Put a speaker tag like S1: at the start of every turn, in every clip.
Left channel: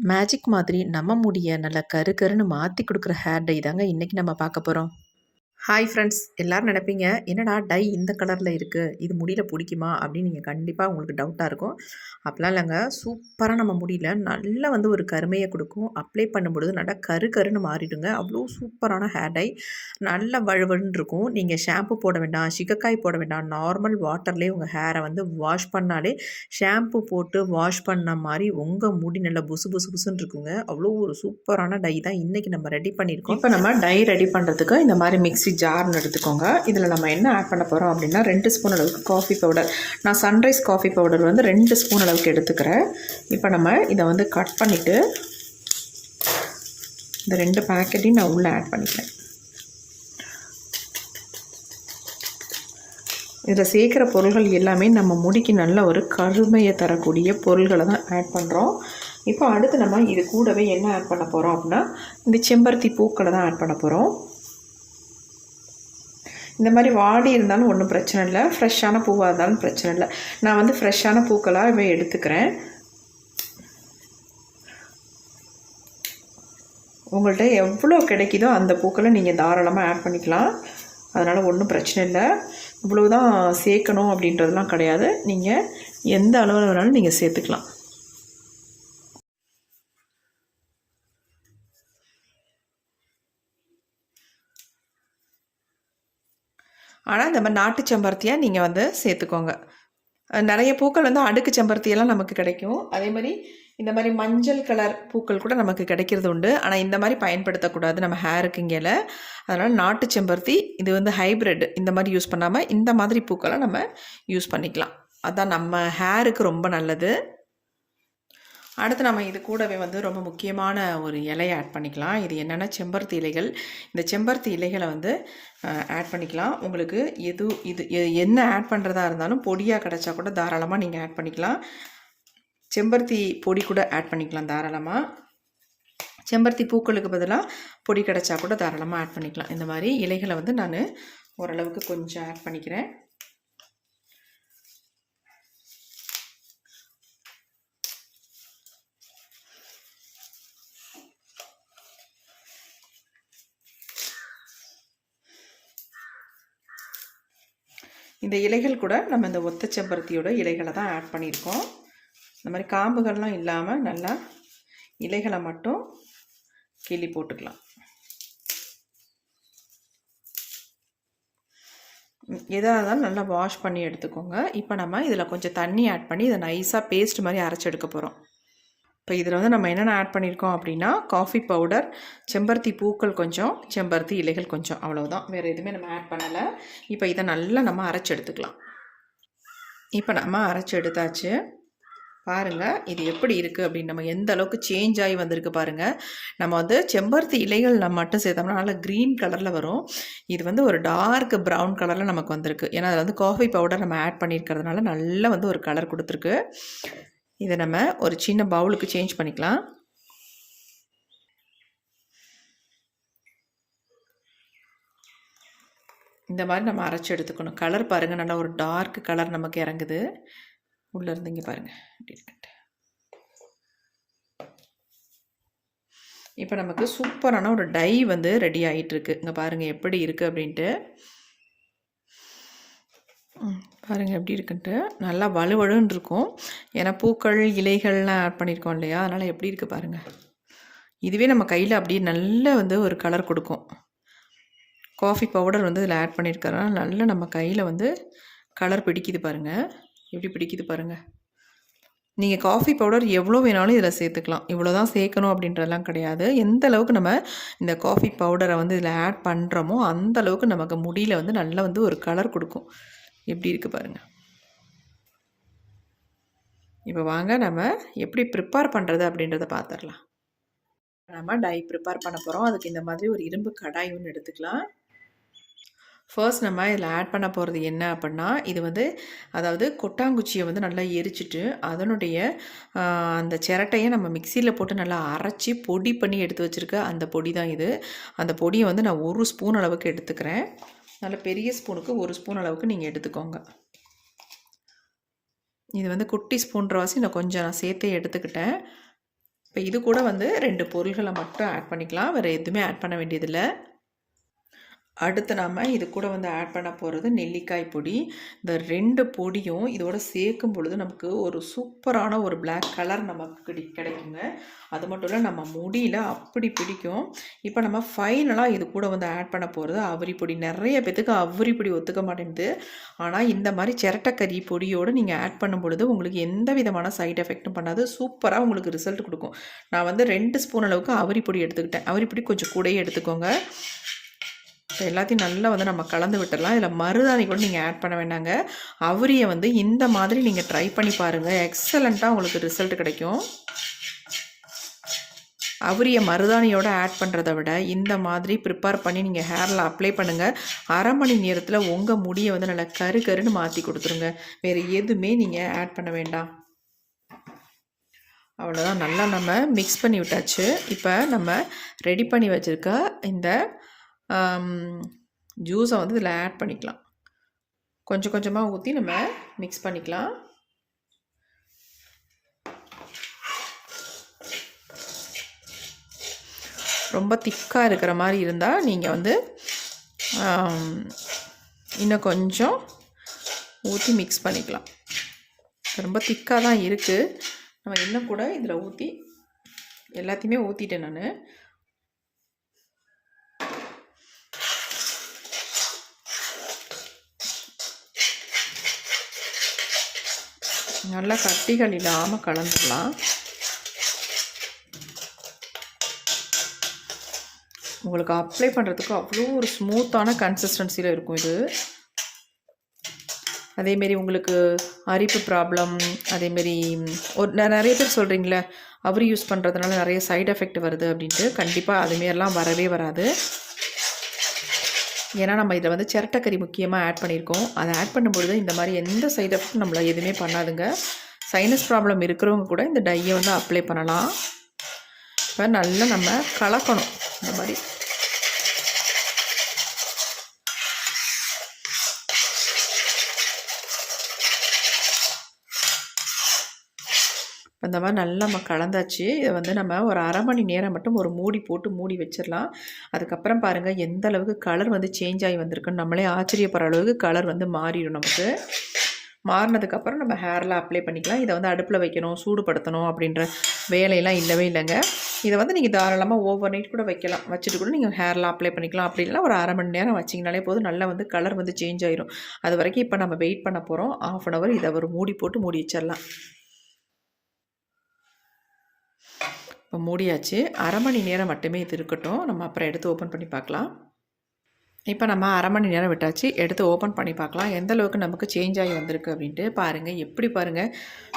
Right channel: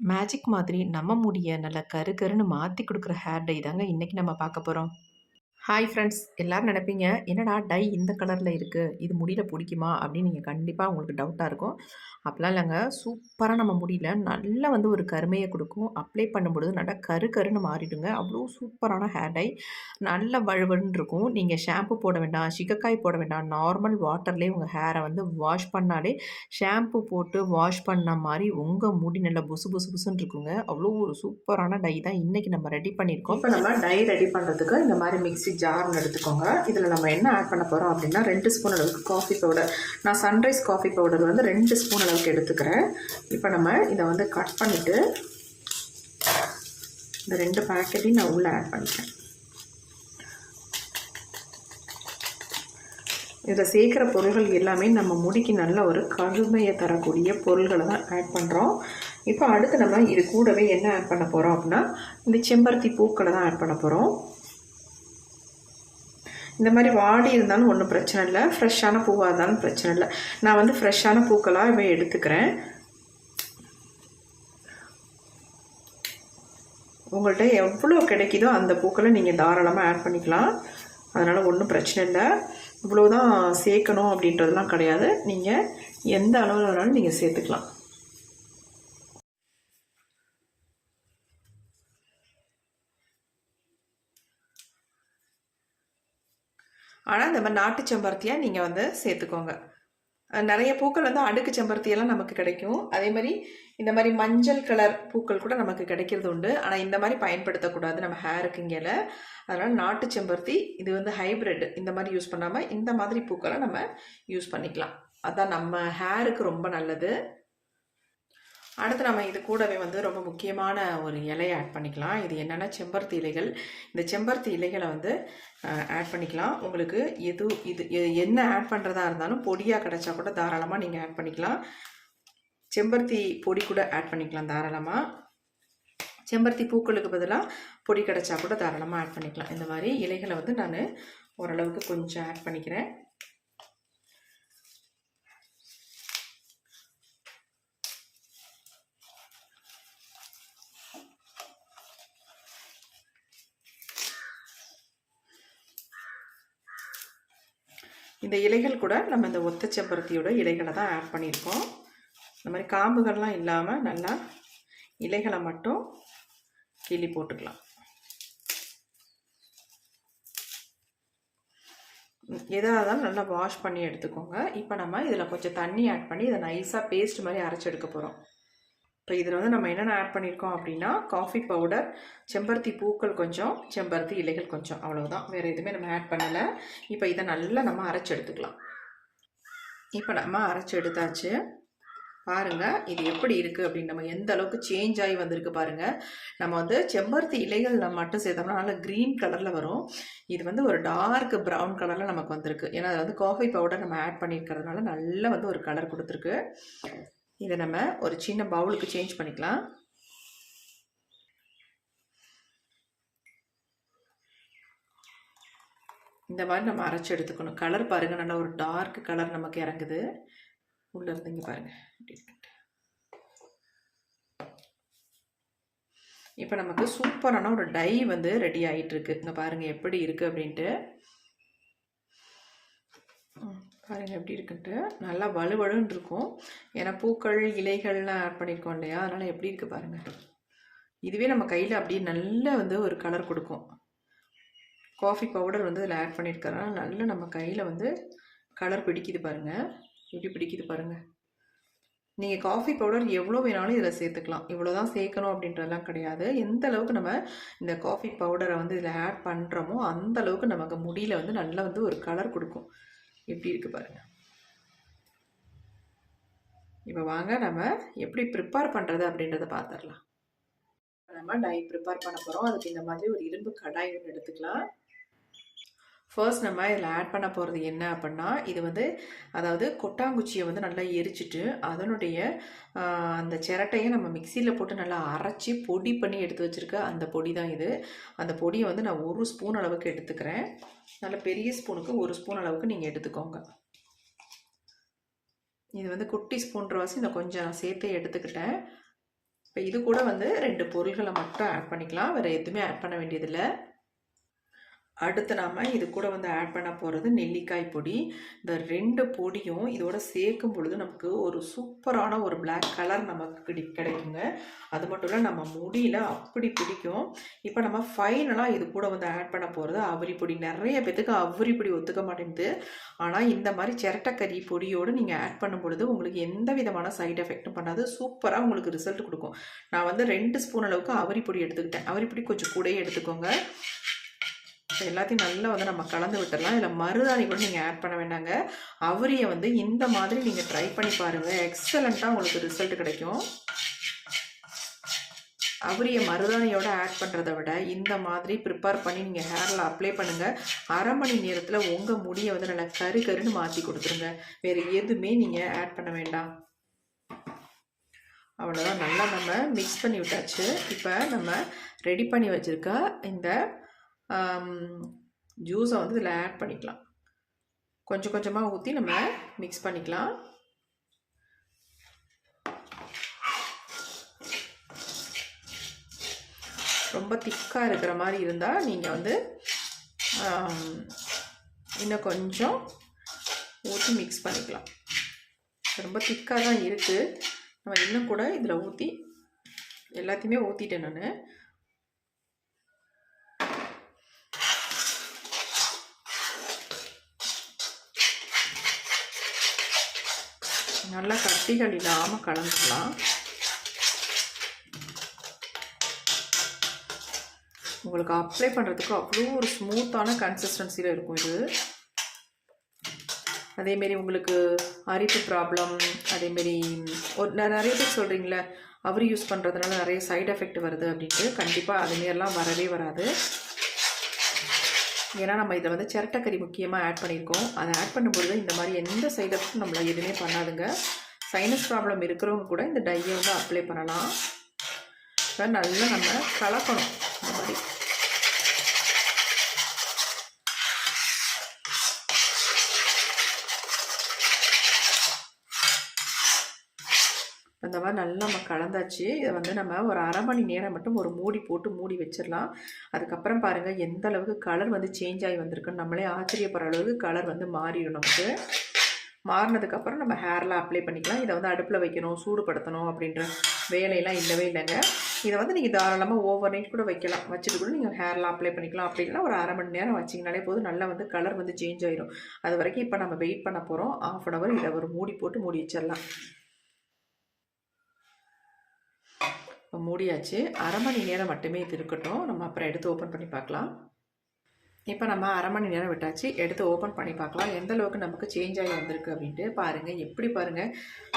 S1: Magic மாதிரி நம்ம முடிய நல்லா கரு கருன்னு மாற்றி கொடுக்குற ஹேர் டை தாங்க இன்றைக்கி நம்ம பார்க்க போகிறோம் ஹாய் ஃப்ரெண்ட்ஸ் எல்லோரும் நினைப்பீங்க, "என்னடா டை இந்த கலரில் இருக்குது இது முடியில் பிடிக்குமா அப்படின்னு நீங்கள் கண்டிப்பாக உங்களுக்கு டவுட்டாக இருக்கும். அப்படிலாம் இல்லைங்க சூப்பராக நம்ம முடியல நல்லா வந்து ஒரு கருமையை கொடுக்கும் அப்ளை பண்ணும்பொழுது நல்லா கரு கருன்னு மாறிடுங்க. அவ்வளோ சூப்பரான ஹேர் டை. நல்லா வழுவழுன்னு இருக்கும். நீங்கள் ஷாம்பு போட வேண்டாம், சிக்கக்காய் போட வேண்டாம். நார்மல் வாட்டர்லேயே உங்கள் ஹேரை வந்து வாஷ் பண்ணாலே, ஷாம்பு போட்டு வாஷ் பண்ண மாதிரி உங்கள் முடி நல்லா புசு புசு புசுன்னு இருக்குங்க. அவ்வளோ ஒரு சூப்பரான டை தான் இன்றைக்கி நம்ம ரெடி பண்ணியிருக்கோம். இப்போ நம்ம டை ரெடி பண்ணுறதுக்கு இந்த மாதிரி மிக்ஸி ஜார்ன்னு எடுத்துக்கோங்க. இதில் நம்ம என்ன ஆட் பண்ண போகிறோம் அப்படின்னா, ரெண்டு ஸ்பூன் அளவுக்கு காஃபி பவுடர். நான் சன்ரைஸ் காஃபி பவுடர் வந்து ரெண்டு ஸ்பூன் அளவுக்கு எடுத்துக்கிறேன். இப்போ நம்ம இதை வந்து கட் பண்ணிவிட்டு இந்த ரெண்டு பேக்கெட்டையும் நான் உள்ளே ஆட் பண்ணிக்கிறேன். இதில் சேர்க்குற பொருள்கள் எல்லாமே நம்ம முடிக்கு நல்ல ஒரு கருமையை தரக்கூடிய பொருள்களை தான் ஆட் பண்ணுறோம் இப்போ அடுத்து நம்ம இது கூடவே என்ன ஆட் பண்ண போகிறோம் அப்படின்னா, இந்த செம்பருத்தி பூக்களை தான் ஆட் பண்ண போகிறோம் இந்த மாதிரி வாடி இருந்தாலும் ஒன்றும் பிரச்சனை இல்லை ஃப்ரெஷ்ஷான பூவாக இருந்தாலும் பிரச்சனை இல்லை நான் வந்து ஃப்ரெஷ்ஷான பூக்களாவே எடுத்துக்கிறேன். உங்கள்கிட்ட எவ்வளோ கிடைக்குதோ அந்த பூக்களை நீங்கள் தாராளமாக ஆட் பண்ணிக்கலாம். அதனால் ஒன்றும் பிரச்சனை இல்லை இவ்வளோ தான் சேர்க்கணும் அப்படின்றதுலாம் கிடையாது. நீங்கள் எந்த அளவில் வேணாலும் நீங்கள் சேர்த்துக்கலாம். ஆனால் இந்த மாதிரி நாட்டு செம்பருத்தியாக நீங்கள் வந்து சேர்த்துக்கோங்க. நிறைய பூக்கள் வந்து அடுக்கு செம்பருத்தியெல்லாம் நமக்கு கிடைக்கும். அதே மாதிரி இந்த மாதிரி மஞ்சள் கலர் பூக்கள் கூட நமக்கு கிடைக்கிறது உண்டு. ஆனால் இந்த மாதிரி பயன்படுத்தக்கூடாது நம்ம ஹேருக்கு இங்கேல. அதனால் நாட்டு செம்பருத்தி இது வந்து ஹைப்ரிட் இந்த மாதிரி யூஸ் பண்ணாமல் இந்த மாதிரி பூக்களை நம்ம யூஸ் பண்ணிக்கலாம். அதான் நம்ம ஹேருக்கு ரொம்ப நல்லது. அடுத்து நம்ம இது கூடவே வந்து ரொம்ப முக்கியமான ஒரு இலையை ஆட் பண்ணிக்கலாம். இது என்னென்னா செம்பருத்தி இலைகள். இந்த செம்பருத்தி இலைகளை வந்து ஆட் பண்ணிக்கலாம். உங்களுக்கு எது இது எ என்ன ஆட் பண்ணுறதா இருந்தாலும் பொடியாக கிடச்சா கூட தாராளமாக நீங்கள் ஆட் பண்ணிக்கலாம். செம்பருத்தி பொடி கூட ஆட் பண்ணிக்கலாம் தாராளமாக செம்பருத்தி பூக்களுக்கு பதிலாக பொடி கிடச்சா கூட தாராளமாக ஆட் பண்ணிக்கலாம். இந்த மாதிரி இலைகளை வந்து நான் ஓரளவுக்கு கொஞ்சம் ஆட் பண்ணிக்கிறேன். இந்த இலைகள் கூட நம்ம இந்த ஒத்த செம்பருத்தியோட இலைகளை தான் ஆட் பண்ணியிருக்கோம். இந்த மாதிரி காம்புகள்லாம் இல்லாமல் நல்லா இலைகளை மட்டும் கிள்ளி போட்டுக்கலாம். எதாக இருந்தாலும் நல்லா வாஷ் பண்ணி எடுத்துக்கோங்க. இப்போ நம்ம இதில் கொஞ்சம் தண்ணி ஆட் பண்ணி இதை நைஸாக பேஸ்ட் மாதிரி அரைச்சி எடுக்க போகிறோம் இப்போ இதில் வந்து நம்ம என்னென்ன ஆட் பண்ணியிருக்கோம் அப்படின்னா, காஃபி பவுடர், செம்பருத்தி பூக்கள் கொஞ்சம், செம்பருத்தி இலைகள் கொஞ்சம் அவ்வளோதான் வேறு எதுவுமே நம்ம ஆட் பண்ணலை இப்போ இதை நல்லா நம்ம அரைச்சி எடுத்துக்கலாம். இப்போ நம்ம அரைச்சி எடுத்தாச்சு. பாருங்கள் இது எப்படி இருக்குது அப்படின்னு நம்ம எந்த அளவுக்கு சேஞ்ச் ஆகி வந்திருக்கு பாருங்க. நம்ம வந்து செம்பருத்தி இலைகள் நம்ம மட்டும் சேர்த்தோம்னா நல்லா க்ரீன் கலரில் வரும். இது வந்து ஒரு டார்க் ப்ரவுன் கலரில் நமக்கு வந்திருக்கு. ஏன்னா அதில் வந்து காஃபி பவுடர் நம்ம ஆட் பண்ணியிருக்கிறதுனால நல்லா வந்து ஒரு கலர் கொடுத்துருக்கு இதை நம்ம ஒரு சின்ன பவுலுக்கு சேஞ்ச் பண்ணிக்கலாம். இந்த மாதிரி நம்ம அரைச்சி எடுத்துக்கணும். கலர் பாருங்கள் நல்லா ஒரு டார்க் கலர் நமக்கு இறங்குது. உள்ளேருந்து இருந்து பாருங்கள் இப்போ நமக்கு சூப்பரான ஒரு டை வந்து ரெடி ஆகிட்டுருக்கு இங்கே பாருங்கள் எப்படி இருக்குது அப்படின்ட்டு. ம் எப்படி இருக்குன்ட்டு. நல்லா வலுவழுன்னு இருக்கும். ஏன்னா பூக்கள், இலைகள்லாம் ஆட் பண்ணியிருக்கோம் இல்லையா? அதனால் எப்படி இருக்குது பாருங்கள் இதுவே நம்ம கையில் அப்படியே நல்ல வந்து ஒரு கலர் கொடுக்கும் காஃபி பவுடர் வந்து இதில் ஆட் பண்ணியிருக்கிறதுனால நல்லா நம்ம கையில் வந்து கலர் பிடிக்குது பாருங்க. எப்படி பிடிக்குது பாருங்க. நீங்கள் காஃபி பவுடர் எவ்வளோ வேணாலும் இதில் சேர்த்துக்கலாம். இவ்வளோ தான் சேர்க்கணும் அப்படின்றதெல்லாம் கிடையாது. எந்த அளவுக்கு நம்ம இந்த காஃபி பவுடரை வந்து இதில் ஆட் பண்ணுறோமோ அந்த அளவுக்கு நமக்கு முடியில வந்து நல்லா வந்து ஒரு கலர் கொடுக்கும் எப்படி இருக்குது பாருங்க. இப்போ வாங்க நம்ம எப்படி ப்ரிப்பேர் பண்ணுறது அப்படின்றத பார்த்துடலாம் நம்ம டை ப்ரிப்பேர் பண்ண போகிறோம் அதுக்கு இந்த மாதிரி ஒரு இரும்பு கடாய் ஒன்று எடுத்துக்கலாம். ஃபர்ஸ்ட் நம்ம இதில் ஆட் பண்ண போகிறது என்ன அப்படின்னா, இது வந்து அதாவது கொட்டாங்குச்சியை வந்து நல்லா எரிச்சிட்டு அதனுடைய அந்த சிரட்டையை நம்ம மிக்சியில் போட்டு நல்லா அரைச்சி பொடி பண்ணி எடுத்து வச்சுருக்க அந்த பொடி தான் இது. அந்த பொடியை வந்து நான் ஒரு ஸ்பூன் அளவுக்கு எடுத்துக்கிறேன். நல்ல பெரிய ஸ்பூனுக்கு ஒரு ஸ்பூன் அளவுக்கு நீங்கள் எடுத்துக்கோங்க. இது வந்து குட்டி ஸ்பூன்றவாசி நான் கொஞ்சம் நான் சேர்த்தே எடுத்துக்கிட்டேன். இப்போ இது கூட வந்து ரெண்டு பொருள்களை மட்டும் ஆட் பண்ணிக்கலாம் வேறு எதுவுமே ஆட் பண்ண வேண்டியதில்லை அடுத்து நாம் இது கூட வந்து ஆட் பண்ண போகிறது நெல்லிக்காய் பொடி. இந்த ரெண்டு பொடியும் இதோட சேர்க்கும் பொழுது நமக்கு ஒரு சூப்பரான ஒரு பிளாக் கலர் நமக்கு கிடை கிடைக்குங்க. அது மட்டும் இல்லை நம்ம முடியல அப்படி பிடிக்கும். இப்போ நம்ம ஃபைனலாக இது கூட வந்து ஆட் பண்ண போகிறது அவரி பொடி. நிறைய பேத்துக்கு அவரி பொடி ஒத்துக்க மாட்டேங்குது. ஆனால் இந்த மாதிரி சிரட்டக்கறி பொடியோடு நீங்கள் ஆட் பண்ணும் பொழுது உங்களுக்கு எந்த விதமான சைட் எஃபெக்ட்டும் பண்ணாது. சூப்பராக உங்களுக்கு ரிசல்ட் கொடுக்கும். நான் வந்து ரெண்டு ஸ்பூன் அளவுக்கு அவரி பொடி எடுத்துக்கிட்டேன். அவரி பொடி கொஞ்சம் கூடயே எடுத்துக்கோங்க. இப்போ எல்லாத்தையும் நல்லா வந்து நம்ம கலந்து விட்டுடலாம் இதில் மருதாணி கூட நீங்கள் ஆட் பண்ண வேண்டாங்க. அவரியை வந்து இந்த மாதிரி நீங்கள் ட்ரை பண்ணி பாருங்கள் எக்ஸலண்ட்டாக உங்களுக்கு ரிசல்ட் கிடைக்கும். அவரியை மருதாணியோட ஆட் பண்ணுறத விட இந்த மாதிரி ப்ரிப்பேர் பண்ணி நீங்கள் ஹேரில் அப்ளை பண்ணுங்கள் அரை மணி நேரத்தில் உங்கள் முடியை வந்து நல்லா கரு கருன்னு மாற்றி கொடுத்துருங்க. வேறு எதுவுமே நீங்கள் ஆட் பண்ண வேண்டாம். அவ்வளோதான் நல்லா நம்ம மிக்ஸ் பண்ணி விட்டாச்சு. இப்போ நம்ம ரெடி பண்ணி வச்சுருக்க இந்த ஜூஸை வந்து இதில் ஆட் பண்ணிக்கலாம். கொஞ்சம் கொஞ்சமாக ஊற்றி நம்ம மிக்ஸ் பண்ணிக்கலாம். ரொம்ப திக்காக இருக்கிற மாதிரி இருந்தால் நீங்கள் வந்து இன்னும் கொஞ்சம் ஊற்றி மிக்ஸ் பண்ணிக்கலாம். ரொம்ப திக்காக தான் இருக்குது நம்ம இன்னும் கூட இதில் ஊற்றி எல்லாத்தையுமே ஊற்றிட்டேன் நான். நல்லா கட்டிகள் இல்லாமல் கலந்துக்கலாம். உங்களுக்கு அப்ளை பண்ணுறதுக்கு அவ்வளோ ஒரு ஸ்மூத்தான கன்சிஸ்டன்சியில் இருக்கும் இது. அதேமாரி உங்களுக்கு அரிப்பு ப்ராப்ளம் அதேமாரி ஒரு நான் நிறைய பேர் சொல்கிறீங்களே அவரி யூஸ் பண்ணுறதுனால நிறைய சைடு எஃபெக்ட் வருது அப்படின்ட்டு. கண்டிப்பாக அதுமாரிலாம் வரவே வராது. ஏன்னா நம்ம இதில் வந்து சிரட்டக்கறி முக்கியமாக ஆட் பண்ணியிருக்கோம். அதை ஆட் பண்ணும்பொழுது இந்த மாதிரி எந்த சைட் எஃபெக்ட் நம்மளை எதுவுமே பண்ணாதுங்க. சைனஸ் ப்ராப்ளம் இருக்கிறவங்க கூட இந்த டையை வந்து அப்ளை பண்ணலாம். இப்போ நல்லா நம்ம கலக்கணும். இந்த மாதிரி. அந்த மாதிரி நல்லா நம்ம கலந்தாச்சு. இதை வந்து நம்ம ஒரு அரை மணி நேரம் மட்டும் ஒரு மூடி போட்டு மூடி வச்சிடலாம் அதுக்கப்புறம் பாருங்கள் எந்த அளவுக்கு கலர் வந்து சேஞ்ச் ஆகி வந்திருக்குன்னு நம்மளே ஆச்சரியப்படுற அளவுக்கு கலர் வந்து மாறிடும் நமக்கு. மாறினதுக்கப்புறம் நம்ம ஹேரில் அப்ளை பண்ணிக்கலாம். இதை வந்து அடுப்பில் வைக்கணும் சூடுபடுத்தணும் அப்படின்ற வேலையெல்லாம் இல்லவே இல்லைங்க. இதை வந்து நீங்கள் தாராளமாக ஓவர் நைட் கூட வைக்கலாம். வச்சுட்டு கூட நீங்கள் ஹேரில் அப்ளை பண்ணிக்கலாம். அப்படி இல்லைனா ஒரு அரை மணி நேரம் வச்சிங்கனாலே போதும். நல்லா வந்து கலர் வந்து சேஞ்ச் ஆயிரும். அது வரைக்கும் இப்போ நம்ம வெயிட் பண்ண போகிறோம் ஆஃப் அன் ஹவர் இதை ஒரு மூடி போட்டு மூடி வச்சிடலாம் இப்போ மூடியாச்சு. அரை மணி நேரம் மட்டுமே இது இருக்கட்டும். நம்ம அப்புறம் எடுத்து ஓப்பன் பண்ணி பார்க்கலாம். இப்போ நம்ம அரை மணி நேரம் விட்டாச்சு. எடுத்து ஓப்பன் பண்ணி பார்க்கலாம். எந்த அளவுக்கு நமக்கு சேஞ்ச் ஆகி வந்திருக்கு அப்படின்ட்டு பாருங்கள் எப்படி பாருங்கள்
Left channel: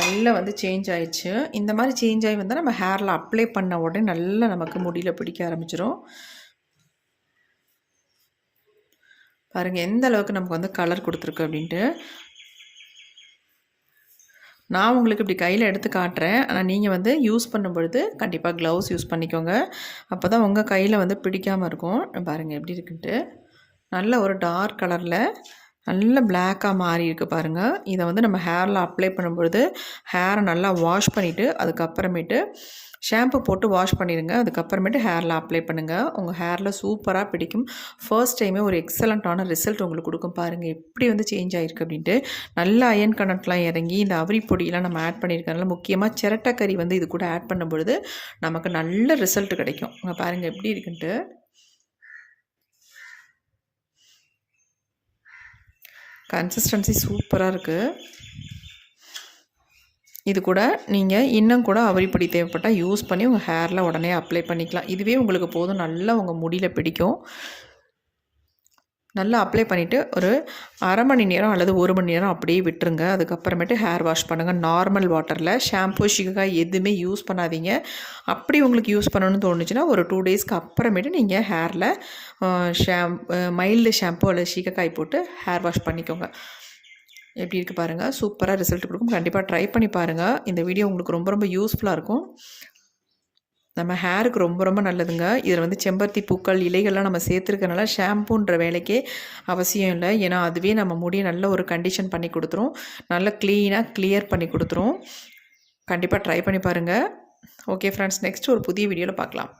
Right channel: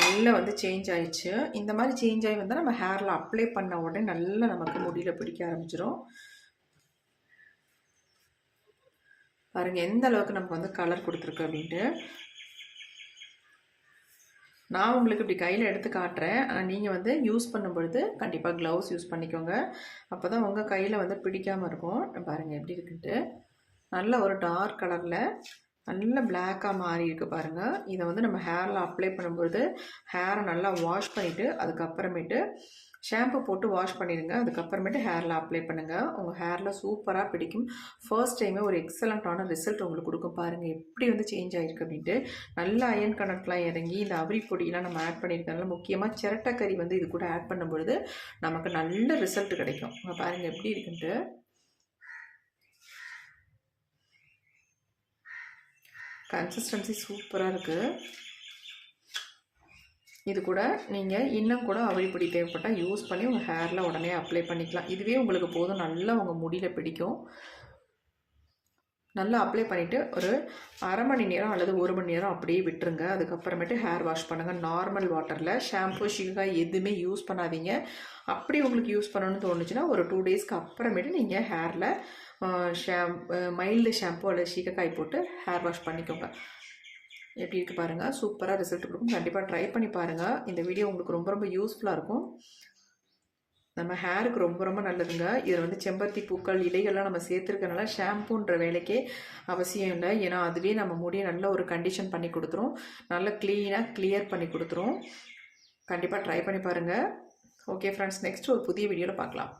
S1: நல்லா வந்து சேஞ்ச் ஆயிடுச்சு. இந்த மாதிரி சேஞ்ச் ஆகி வந்தால் நம்ம ஹேரில் அப்ளை பண்ண உடனே நல்லா நமக்கு முடியில் பிடிக்க ஆரம்பிச்சிடும் பாருங்கள் எந்த அளவுக்கு நமக்கு வந்து கலர் கொடுத்துருக்கு அப்படின்ட்டு. நான் உங்களுக்கு இப்படி கையில் எடுத்து காட்டுறேன். ஆனால் நீங்கள் வந்து யூஸ் பண்ணும் பொழுது கண்டிப்பாக க்ளவுஸ் யூஸ் பண்ணிக்கோங்க. அப்போ தான் உங்கள் கையில் வந்து பிடிக்காமல் இருக்கும். பாருங்கள் எப்படி இருக்குன்ட்டு. நல்ல ஒரு டார்க் கலரில் நல்ல பிளாக்காக மாறி இருக்குது பாருங்கள் இதை வந்து நம்ம ஹேரில் அப்ளை பண்ணும்பொழுது ஹேரை நல்லா வாஷ் பண்ணிவிட்டு அதுக்கப்புறமேட்டு ஷாம்பு போட்டு வாஷ் பண்ணிடுங்க. அதுக்கப்புறமேட்டு ஹேரில் அப்ளை பண்ணுங்கள் உங்கள் ஹேரில் சூப்பராக பிடிக்கும். ஃபர்ஸ்ட் டைமே ஒரு எக்ஸலண்ட்டான ரிசல்ட் உங்களுக்கு கொடுக்கும் பாருங்கள் எப்படி வந்து சேஞ்ச் ஆகிருக்கு அப்படின்ட்டு. நல்ல அயன் கனெக்ட்லாம் இறங்கி இந்த அவரி பொடியெலாம் நம்ம ஆட் பண்ணியிருக்கனால முக்கியமாக சிரட்டக்கறி வந்து இது கூட ஆட் பண்ணும்பொழுது நமக்கு நல்ல ரிசல்ட் கிடைக்கும். உங்கள் பாருங்கள் எப்படி இருக்குன்ட்டு. கன்சிஸ்டன்சி சூப்பராக இருக்குது இது கூட நீங்கள் இன்னும் கூட அவரிப்படி தேவைப்பட்டால் யூஸ் பண்ணி உங்கள் ஹேரில் உடனே அப்ளை பண்ணிக்கலாம். இதுவே உங்களுக்கு போதும். நல்லா உங்கள் முடியில் பிடிக்கும். நல்லா அப்ளை பண்ணிவிட்டு ஒரு அரை மணி நேரம் அல்லது ஒரு மணி நேரம் அப்படியே விட்டுருங்க. அதுக்கப்புறமேட்டு ஹேர் வாஷ் பண்ணுங்கள் நார்மல் வாட்டரில் ஷாம்பு ஷிகாய் எதுவுமே யூஸ் பண்ணாதீங்க. அப்படி உங்களுக்கு யூஸ் பண்ணணும்னு தோணுச்சுன்னா ஒரு டூ டேஸ்க்கு அப்புறமேட்டு நீங்கள் ஹேரில் ஷாம் மைல்டு ஷாம்பு அல்லது ஷீகக்காய் போட்டு ஹேர் வாஷ் பண்ணிக்கோங்க. எப்படி இருக்குது பாருங்கள் சூப்பராக ரிசல்ட் கொடுக்கும். கண்டிப்பாக ட்ரை பண்ணி பாருங்கள் இந்த வீடியோ உங்களுக்கு ரொம்ப ரொம்ப யூஸ்ஃபுல்லாக இருக்கும். நம்ம ஹேருக்கு ரொம்ப ரொம்ப நல்லதுங்க. இதில் வந்து செம்பருத்தி பூக்கள் இலைகள்லாம் நம்ம சேர்த்துருக்கனால ஷாம்புன்ற வேலைக்கே அவசியம் இல்லை. ஏன்னா அதுவே நம்ம முடியை நல்ல ஒரு கண்டிஷன் பண்ணி கொடுத்துரும். நல்ல க்ளீனாக கிளியர் பண்ணி கொடுத்துரும். கண்டிப்பாக ட்ரை பண்ணி பாருங்கள் ஓகே ஃப்ரெண்ட்ஸ் நெக்ஸ்ட் ஒரு புதிய வீடியோவில் பார்க்கலாம்.